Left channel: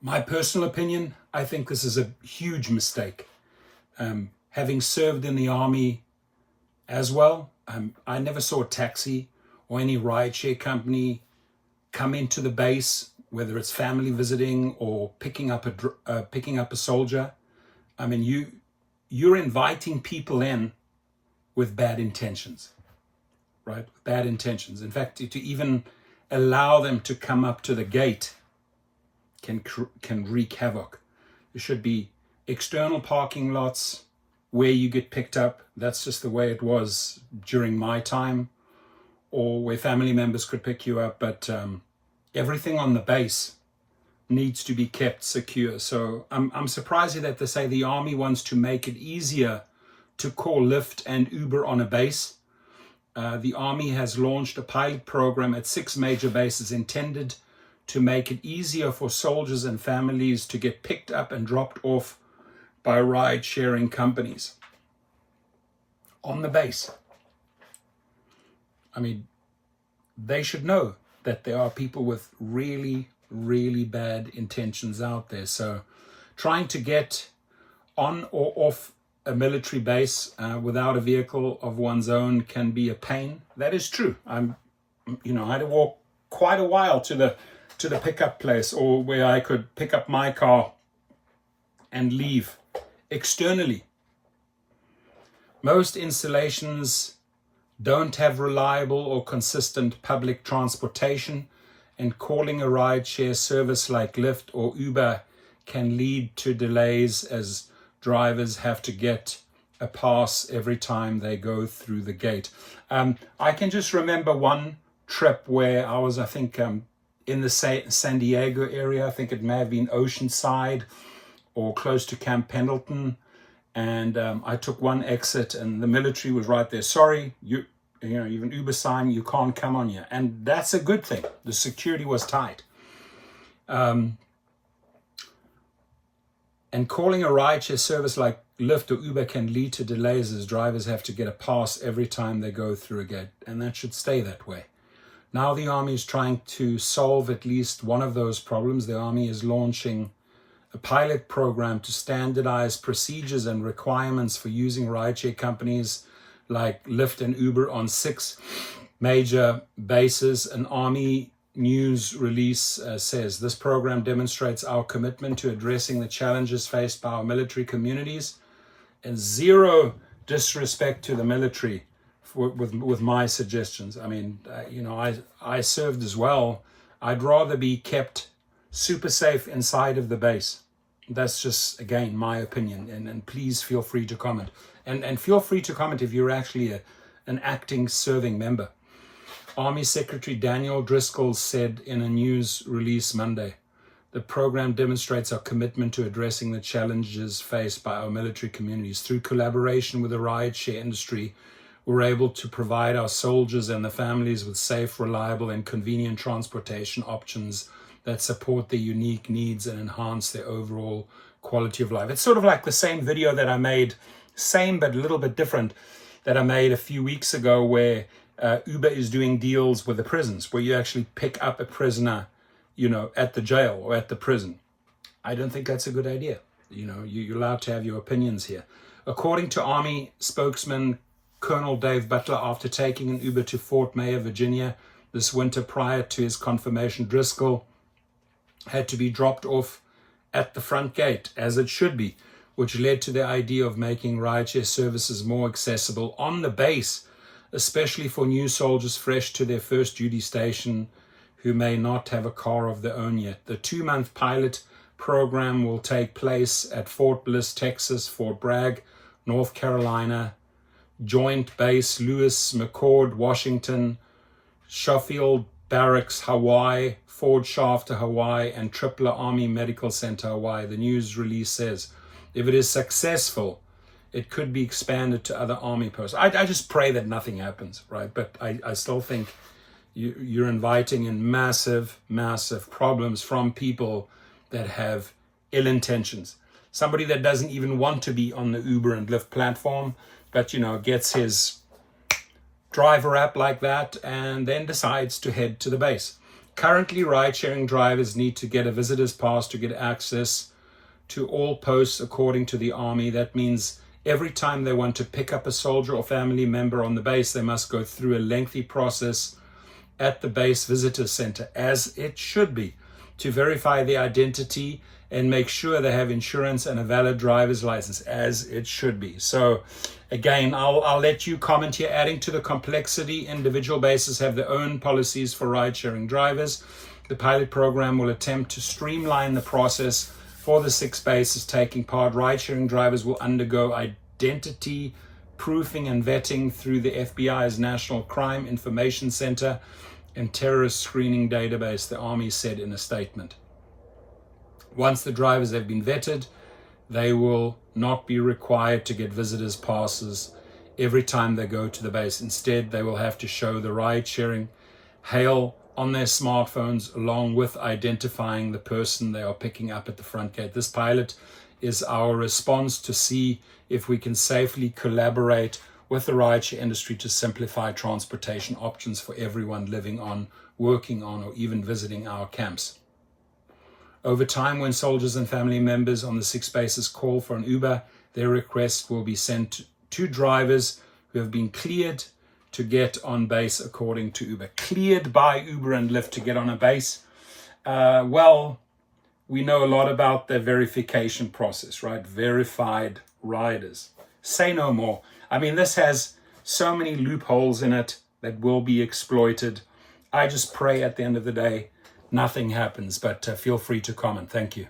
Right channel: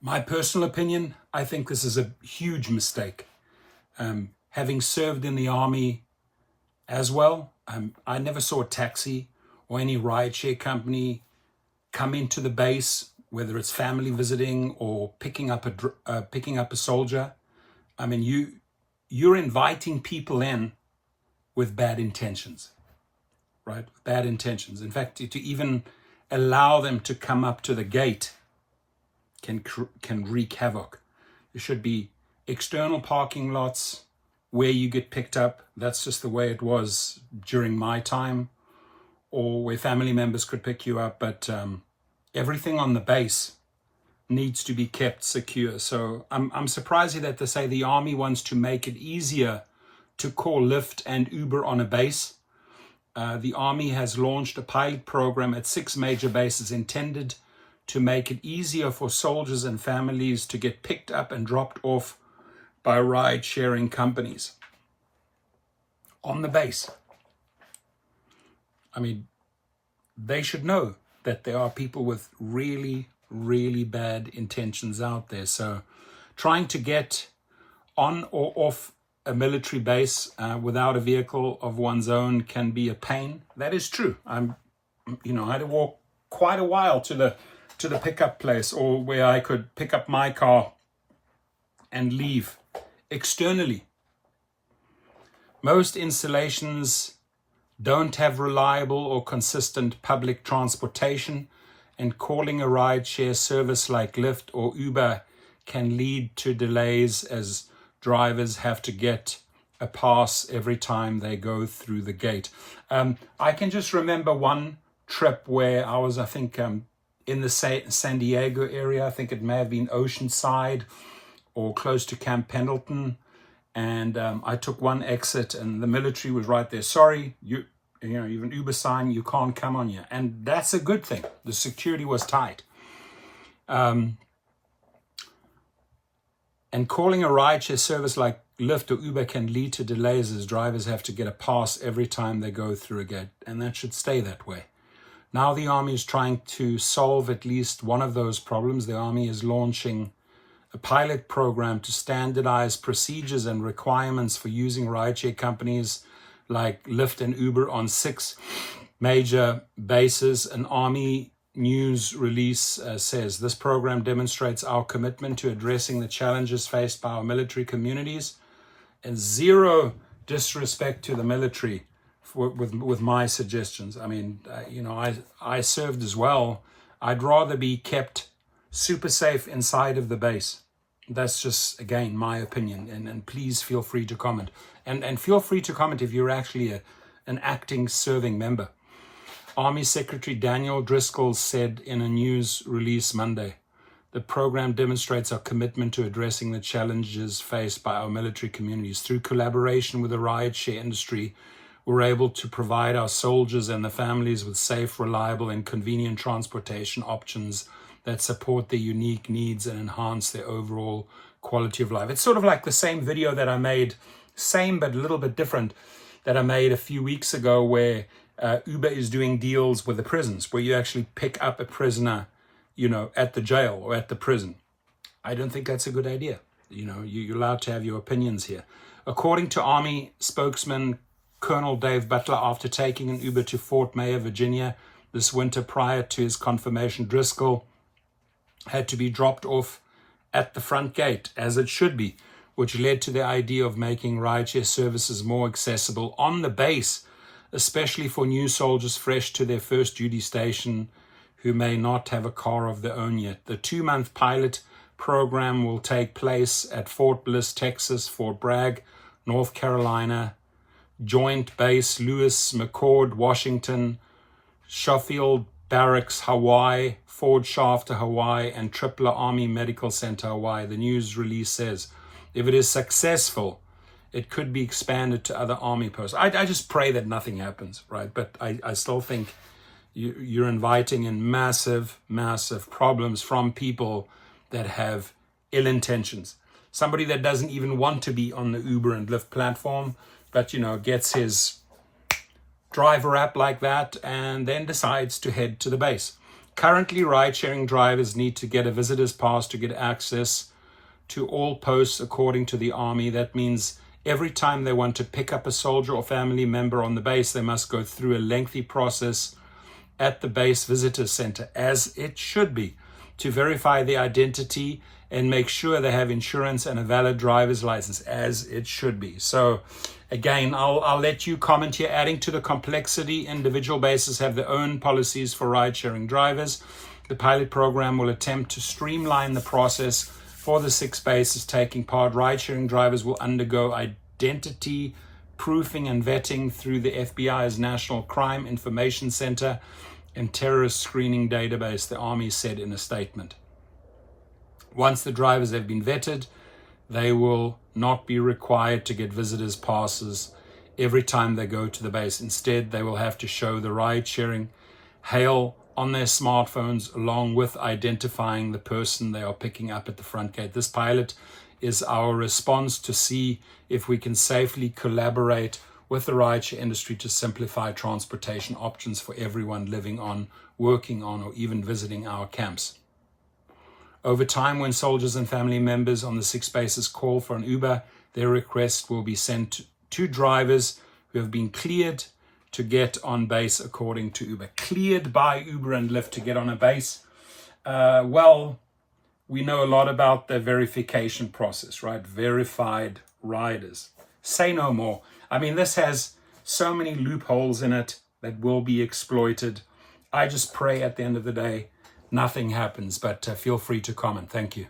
My personal opinion, I think this is a huge mistake. Having served in the army as well, I never saw a taxi or any rideshare company come into the base, whether it's family visiting or picking up a soldier. I mean, you're inviting people in with bad intentions, right? Bad intentions. In fact, to even allow them to come up to the gate can wreak havoc. There should be external parking lots where you get picked up. That's just the way it was during my time, or where family members could pick you up. But everything on the base needs to be kept secure. So I'm surprised that they say the Army wants to make it easier to call Lyft and Uber on a base. The Army has launched a pilot program at 6 major bases intended to make it easier for soldiers and families to get picked up and dropped off by ride-sharing companies on the base. I mean, they should know that there are people with really, really bad intentions out there. So trying to get on or off a military base without a vehicle of one's own can be a pain. That is true. I had to walk quite a while to the pickup place, or where I could pick up my car and leave externally. Most installations don't have reliable or consistent public transportation, and calling a rideshare service like Lyft or Uber can lead to delays as drivers have to get a pass every time they go through the gate. I can just remember one trip where I was, I think, in the San Diego area. I think it may have been Oceanside or close to Camp Pendleton. And I took one exit and the military was right there. Sorry, you have an Uber sign, you can't come on here. And that's a good thing. The security was tight. And calling a rideshare service like Lyft or Uber can lead to delays as drivers have to get a pass every time they go through a gate. And that should stay that way. Now the Army is trying to solve at least one of those problems. The Army is launching a pilot program to standardize procedures and requirements for using rideshare companies like Lyft and Uber on 6 major bases. An Army news release says this program demonstrates our commitment to addressing the challenges faced by our military communities, and zero disrespect to the military with my suggestions. I mean, I served as well. I'd rather be kept super safe inside of the base. That's just, again, my opinion. And please feel free to comment. And feel free to comment if you're actually an acting serving member. Army Secretary Daniel Driscoll said in a news release Monday, the program demonstrates our commitment to addressing the challenges faced by our military communities. Through collaboration with the rideshare industry, we're able to provide our soldiers and the families with safe, reliable, and convenient transportation options that support their unique needs and enhance their overall quality of life. It's sort of like the same video that I made, same but a little bit different, that I made a few weeks ago, where Uber is doing deals with the prisons, where you actually pick up a prisoner, at the jail or at the prison. I don't think that's a good idea. You're allowed to have your opinions here. According to Army spokesman Colonel Dave Butler, after taking an Uber to Fort Mayer, Virginia this winter prior to his confirmation, Driscoll had to be dropped off at the front gate, as it should be, which led to the idea of making rideshare services more accessible on the base, especially for new soldiers fresh to their first duty station who may not have a car of their own yet. The 2-month pilot program will take place at Fort Bliss, Texas, Fort Bragg, North Carolina, Joint Base Lewis McChord, Washington, Schofield Barracks, Hawaii, Fort Shafter, Hawaii, and Tripler Army Medical Center, Hawaii. The news release says if it is successful, it could be expanded to other Army posts. I just pray that nothing happens, right? But I still think you're inviting in massive, massive problems from people that have ill intentions. Somebody that doesn't even want to be on the Uber and Lyft platform, but, gets his driver app like that and then decides to head to the base. Currently, ride-sharing drivers need to get a visitor's pass to get access to all posts according to the Army. That means every time they want to pick up a soldier or family member on the base, they must go through a lengthy process at the base visitor center, as it should be, to verify the identity and make sure they have insurance and a valid driver's license, as it should be. So again, I'll let you comment here. Adding to the complexity, individual bases have their own policies for ride-sharing drivers. The pilot program will attempt to streamline the process for the 6 bases taking part. Ride-sharing drivers will undergo identity proofing and vetting through the FBI's National Crime Information Center and Terrorist Screening Database, the Army said in a statement. Once the drivers have been vetted, they will not be required to get visitors passes every time they go to the base. Instead, they will have to show the ride-sharing hail on their smartphones along with identifying the person they are picking up at the front gate. This pilot is our response to see if we can safely collaborate with the rideshare industry to simplify transportation options for everyone living on, working on, or even visiting our camps. Over time, when soldiers and family members on the 6 bases call for an Uber, their request will be sent to drivers who have been cleared to get on base according to Uber. Cleared by Uber and Lyft to get on a base. Well, we know a lot about the verification process, right? Verified riders. Say no more. I mean, this has so many loopholes in it that will be exploited. I just pray at the end of the day, nothing happens, but feel free to comment. Thank you.